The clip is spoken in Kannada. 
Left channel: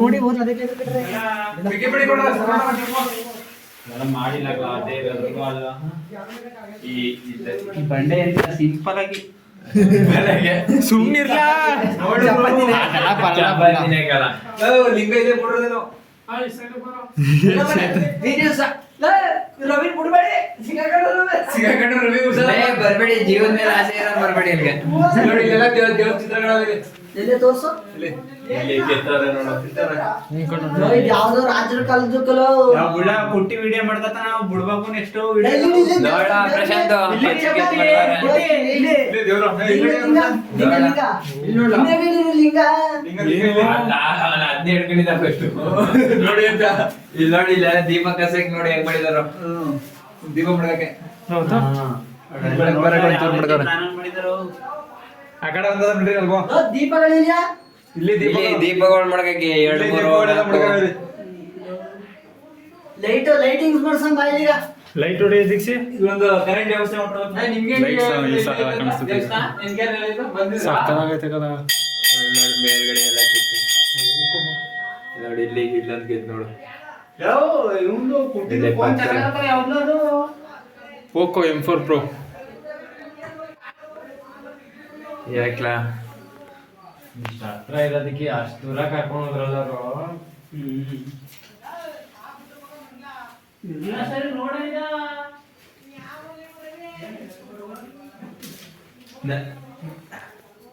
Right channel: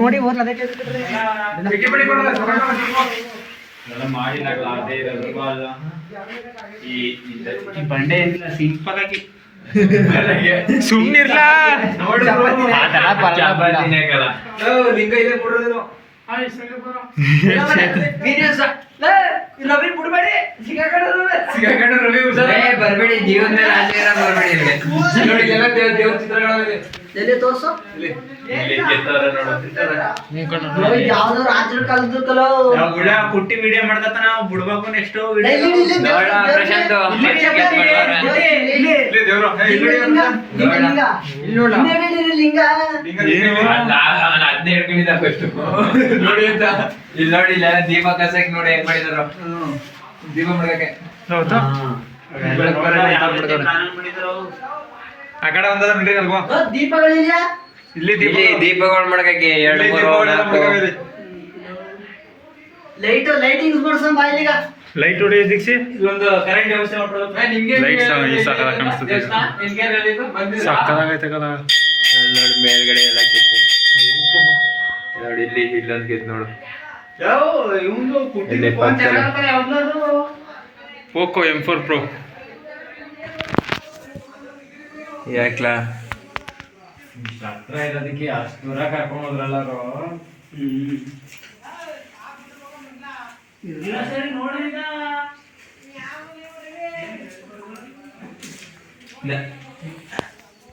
ನೋಡಿ ಈ ಬಂಡೆ ಅಂತ ಸಿಂಪಲ್ ಆಗಿ ಸುಮ್ನಿರ್ಲಾ ಲಿಂಗ ಇದೆ ಬಿಡ್ರೋದೇನೋ ರವಿ ಬಿಡ್ಬೇಡಿ ಸಿಗಾಕಂಡ್ರೆ ರವಿ ಬರ್ಬೇಡಿ ಜೀವನ ಮೇಲೆ ಆಸೆ ಬರ್ಬೇಡಿ ದೇವ್ರ ಚಿತ್ರಗಳಲ್ಲಿ ಎಲ್ಲಿ ತೋರ್ಸು ಯಾವ್ದೋ ರಾಜರ ಕಾಲದಕ್ಕಲ್ಲ ಕುಟ್ಟಿ ವಿಡಿಯೋ ಮಾಡ್ದತ್ತ ನಾವು ಬಿಡ್ಬೇಕು ನೆಕ್ಸ್ಟ್ ಅದನ್ನೇ ಹಿಡ್ಕೊಂಡಿದ್ದ ಫಸ್ಟ್ ನೋಡಿ ಅಂತ ಇಲ್ಲಿ ನೋಡಿ ಇಲ್ಲ ದೀಪ ಕಸಕ್ ನೋಡಿ ಹೆಂಗ್ ಮಾಡಿದಾರ ದೀಪ ಮಾಡಕ್ಕೆ ಆ ಕಡೆ ಒಂದ ಅಲ್ವಾ ದೀಪಗಳಿಲ್ಲ ಇಲ್ಲಿ ದೀಪಗಳು ಮಾಡಕ್ಕೆ 2-3 ಲೈಟಿಂಗ್ಸ್ ಮಾಡ್ಸಂ ಬಾಯಿಗ ಲೈಟ್ ಹೊಡೆಯ ದೀಕ್ಷೆ ಇಲ್ಲೊಂದು ಕರೆಂಟ್ ವ್ಯವಸ್ಥೆ ಮಾಡ್ಕೊಳ್ಳೋದು ನಿಮಗೆ ಲೈಟ್ ಈ ಸಕಲ ಕಾಣಿಸುತ್ತೆ ನಿಮಗೆ ಹೇಳಿದ್ದು ಬಂದಿದೆ ಸಕಲಾಗೈತೆ ಕದ ನೋಡಿ ಮೇಲ್ಗಡೆ ಎಲ್ಲ ಕಿತ್ತು ನೋಡಿ ಇಲ್ಲಿ ಇಲ್ಲೊಂದು ಕಿತ್ತು ನೋಡು ಯಾವ ಇವಂದು ಕುಟ್ಟಿ ಫೋನ್ ಚೆನ್ನಾಗಿರುತ್ತೆ ಯಾವ್ದು Poco M4 Pro ಯಾಕ್ಲಾ ಹತ್ರ ಇರೋದಕ್ಕೆ ಅಷ್ಟು ದೂರ ಕರ್ಕೊಂಡು ಹೋದ್ರಲ್ಲರು ಸರಿ ನೋಡಿದ